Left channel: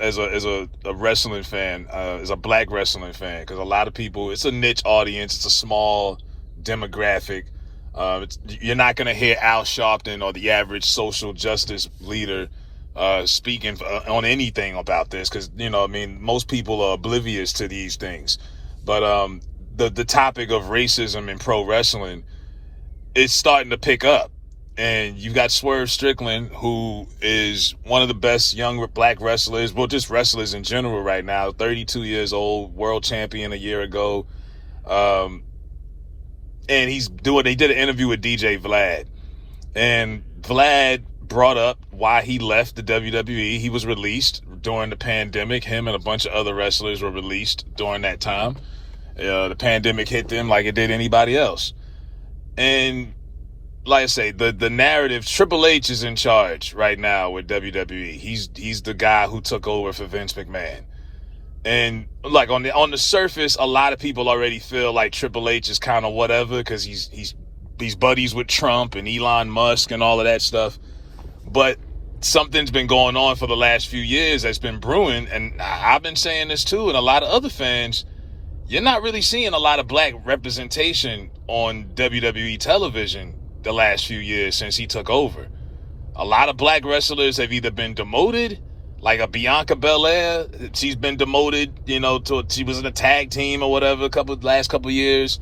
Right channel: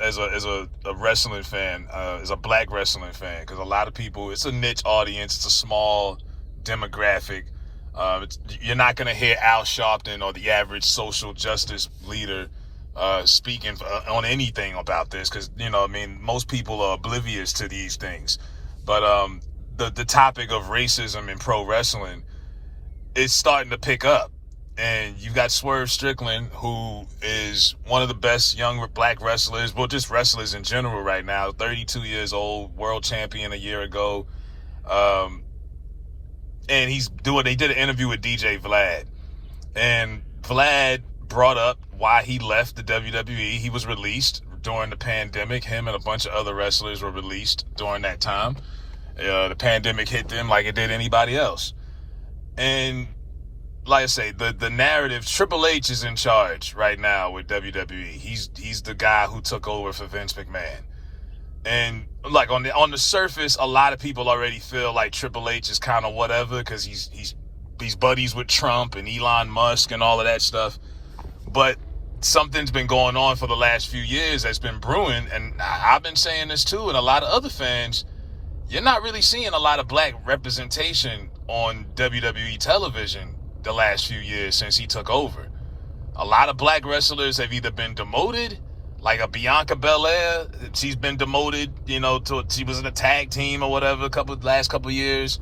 As a wrestling fan, as a black wrestling fan, because a lot of people, it's a niche audience, it's a small demographic. You're not going to hear Al Sharpton or the average social justice leader speaking on anything about this, because most people are oblivious to these things. But the topic of racism in pro wrestling is starting to pick up. And you've got Swerve Strickland, who is one of the best young black wrestlers, well, just wrestlers in general right now, 32 years old, world champion a year ago. And they did an interview with DJ Vlad. And Vlad brought up why he left the WWE. He was released during the pandemic. Him and a bunch of other wrestlers were released during that time. The pandemic hit them like it did anybody else. And like I say, the narrative, Triple H is in charge right now with WWE. He's the guy who took over for Vince McMahon. And like on the surface, a lot of people already feel like Triple H is kind of whatever, because he's buddies with Trump and Elon Musk and all of that stuff. But something's been going on for the last few years that's been brewing, and I've been saying this too, and a lot of other fans, you're not really seeing a lot of black representation on WWE television the last few years since he took over. A lot of black wrestlers have either been demoted, like a Bianca Belair. She's been demoted, she was in a tag team or whatever last couple years.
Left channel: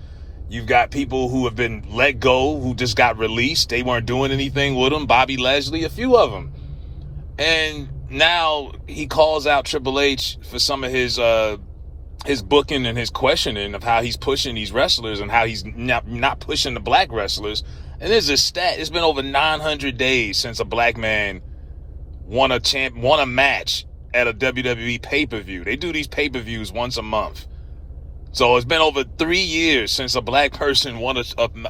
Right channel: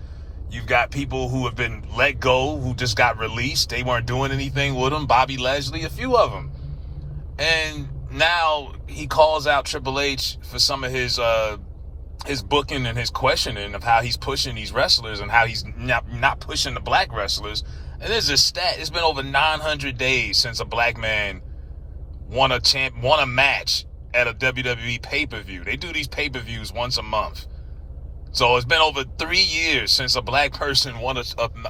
You've got people who have been let go, who just got released. They weren't doing anything with them. Bobby Lashley, a few of them. And now he calls out Triple H for some of his booking and his questioning of how he's pushing these wrestlers and how he's not pushing the black wrestlers. And there's a stat. It's been over 900 days since a black man won a match at a WWE pay-per-view. They do these pay-per-views once a month. So it's been over 3 years since a black person won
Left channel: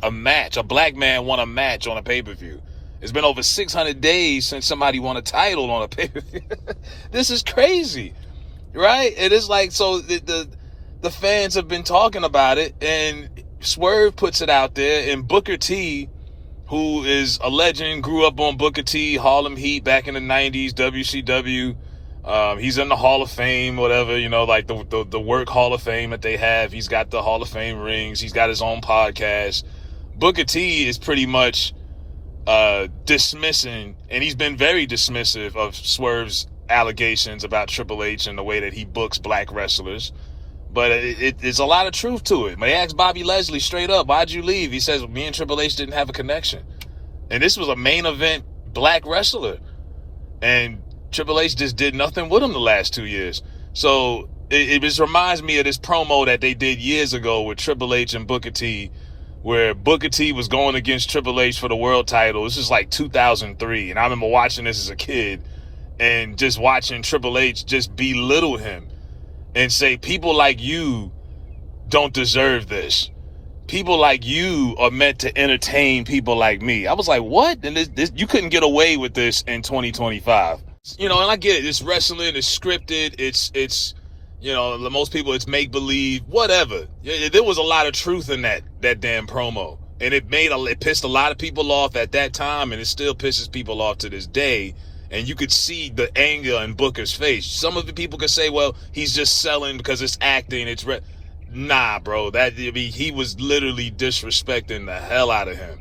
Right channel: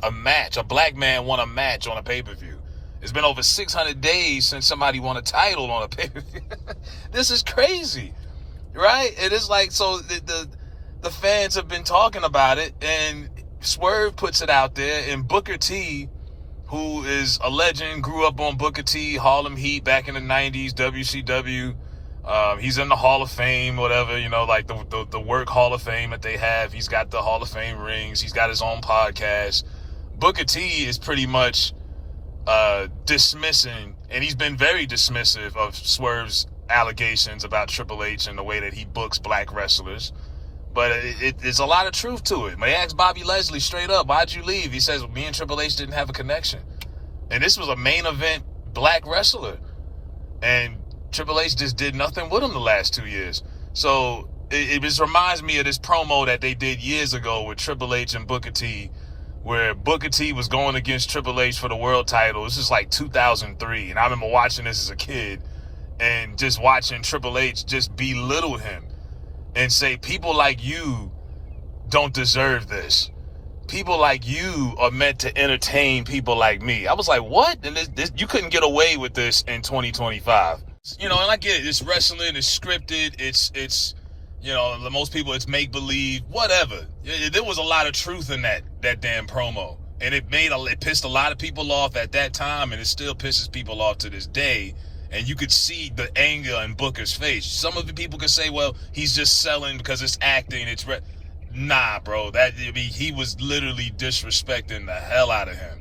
a match. A black man won a match on a pay-per-view. It's been over 600 days since somebody won a title on a pay-per-view. This is crazy, right? It is like, so the fans have been talking about it, and Swerve puts it out there, and Booker T, who is a legend, grew up on Booker T, Harlem Heat back in the 90s, WCW. He's in the Hall of Fame, whatever, like the work Hall of Fame that they have. He's got the Hall of Fame rings. He's got his own podcast. Booker T is pretty much dismissing, and he's been very dismissive of Swerve's allegations about Triple H and the way that he books black wrestlers. But it's a lot of truth to it. They asked Bobby Lashley straight up, why'd you leave? He says, me and Triple H didn't have a connection. And this was a main event black wrestler. And Triple H just did nothing with him the last 2 years. So it just reminds me of this promo that they did years ago with Triple H and Booker T, where Booker T was going against Triple H for the world title. This is like 2003. And I remember watching this as a kid and just watching Triple H just belittle him and say, people like you don't deserve this. People like you are meant to entertain people like me. I was like, what? And this you couldn't get away with this in 2025. And I get it. It's wrestling. It's scripted. It's most people, it's make-believe, whatever. There was a lot of truth in that damn promo. And it pissed a lot of people off at that time, and it still pisses people off to this day. And you could see the anger in Booker's face. Some of the people could say, well, he's just selling because it's acting. Nah, bro. He was literally disrespecting the hell out of him.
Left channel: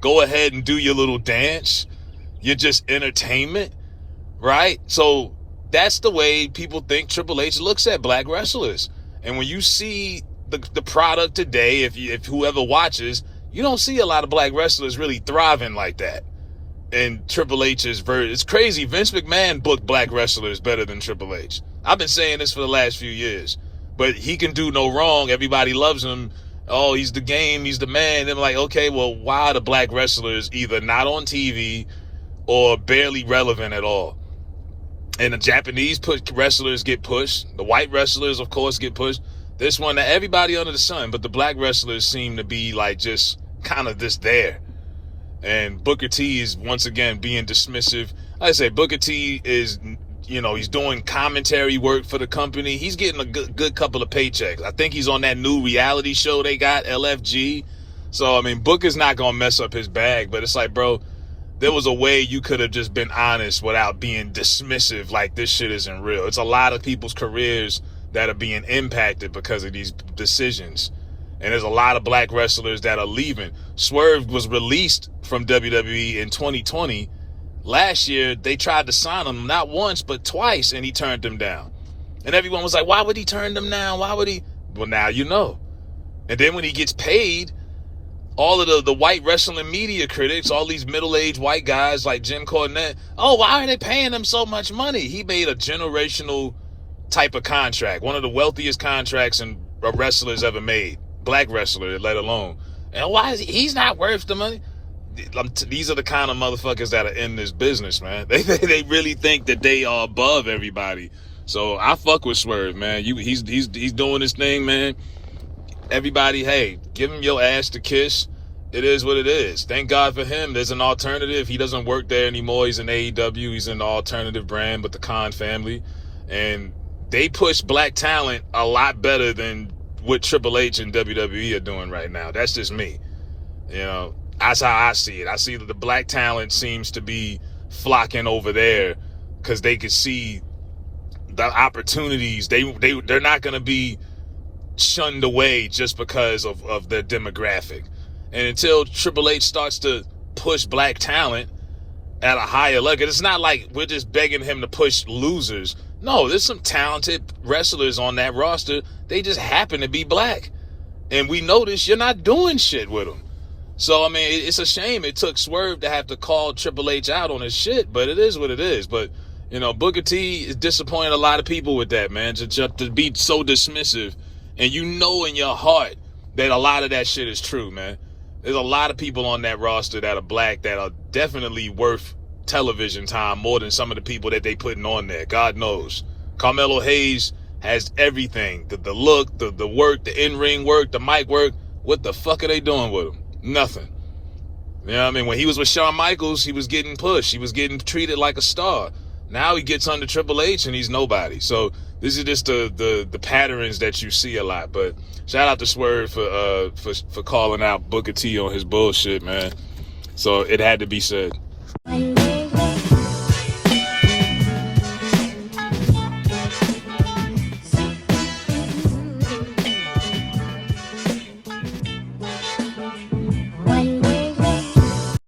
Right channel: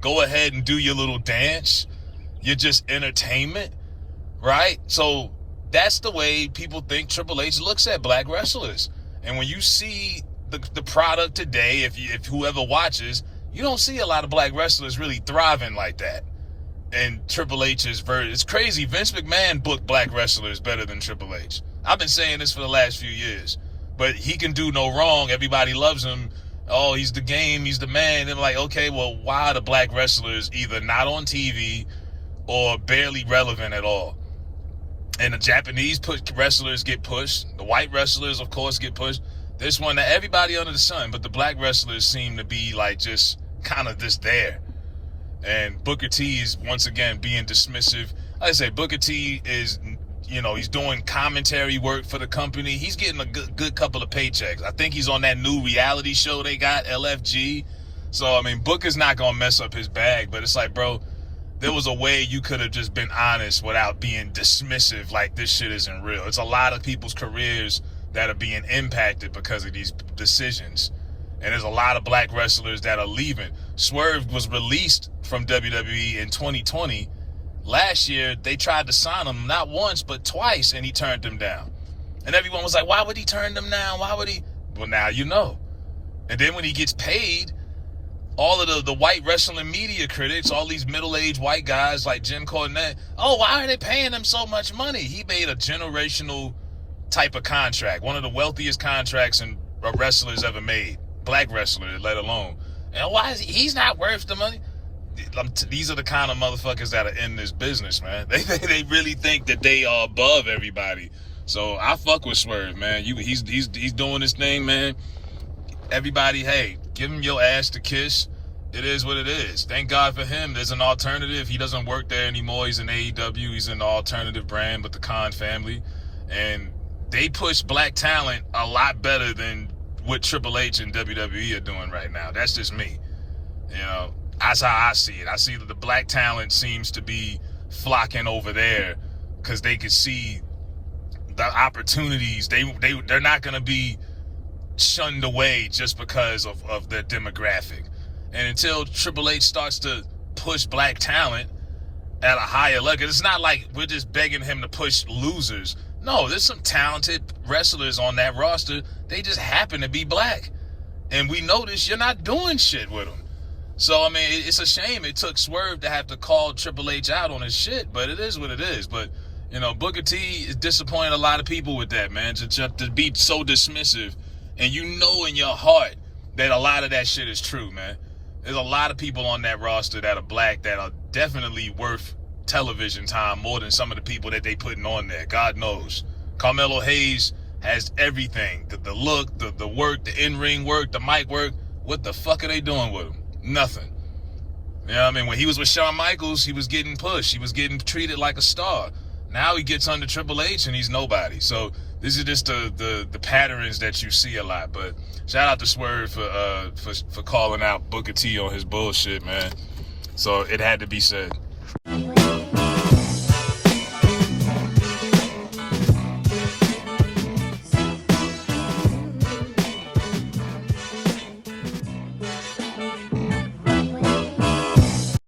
Go ahead and do your little dance. You're just entertainment, right? So that's the way people think Triple H looks at black wrestlers. And when you see the product today, if whoever watches, you don't see a lot of black wrestlers really thriving like that. And Triple H's version, it's crazy. Vince McMahon booked black wrestlers better than Triple H. I've been saying this for the last few years, but he can do no wrong. Everybody loves him. Oh, he's the game. He's the man. They're like, okay, well, why are the black wrestlers either not on TV or barely relevant at all? And the Japanese wrestlers get pushed. The white wrestlers, of course, get pushed. This one, everybody under the sun, but the black wrestlers seem to be like just kind of just there. And Booker T is once again being dismissive. Like I say, Booker T is, he's doing commentary work for the company. He's getting a good couple of paychecks. I think he's on that new reality show they got, LFG. So, Booker's not going to mess up his bag. But it's like, bro, there was a way you could have just been honest without being dismissive like this shit isn't real. It's a lot of people's careers that are being impacted because of these decisions. And there's a lot of black wrestlers that are leaving. Swerve was released from WWE in 2020. Last year, they tried to sign him not once, but twice, and he turned them down. And everyone was like, why would he turn them down? Why would he? Well, now you know. And then when he gets paid, all of the white wrestling media critics, all these middle-aged white guys like Jim Cornette, oh, why are they paying him so much money? He made a generational type of contract, one of the wealthiest contracts a wrestler's ever made, black wrestler, let alone. And why is he's not worth the money? These are the kind of motherfuckers that are in this business, man. They really think that they are above everybody. So I fuck with Swerve, man. He's doing his thing, man. Everybody, hey, give him your ass to kiss. It is what it is. Thank God for him. There's an alternative. He doesn't work there anymore. He's in AEW. He's in the alternative brand with the Khan family. And they push black talent a lot better than what Triple H and WWE are doing right now. That's just me. You know, that's how I see it. I see that the black talent seems to be flocking over there because they can see the opportunities. They're not going to be shunned away just because of their demographic. And until Triple H starts to push black talent at a higher level, it's not like we're just begging him to push losers. No, there's some talented wrestlers on that roster. They just happen to be black. And we notice you're not doing shit with them. So, I mean, it's a shame it took Swerve to have to call Triple H out on his shit, but it is what it is. But, you know, Booker T is disappointing a lot of people with that, man, to be so dismissive. And you know in your heart that a lot of that shit is true, man. There's a lot of people on that roster that are black that are definitely worth television time more than some of the people that they putting on there. God knows. Carmelo Hayes has everything. The look, the work, the in-ring work, the mic work. What the fuck are they doing with him? Nothing. You know what I mean? When he was with Shawn Michaels, he was getting pushed. He was getting treated like a star. Now he gets under Triple H and he's nobody. So this is just the patterns that you see a lot. But shout out to Swerve for calling out Booker T on his bullshit, man. So it had to be said.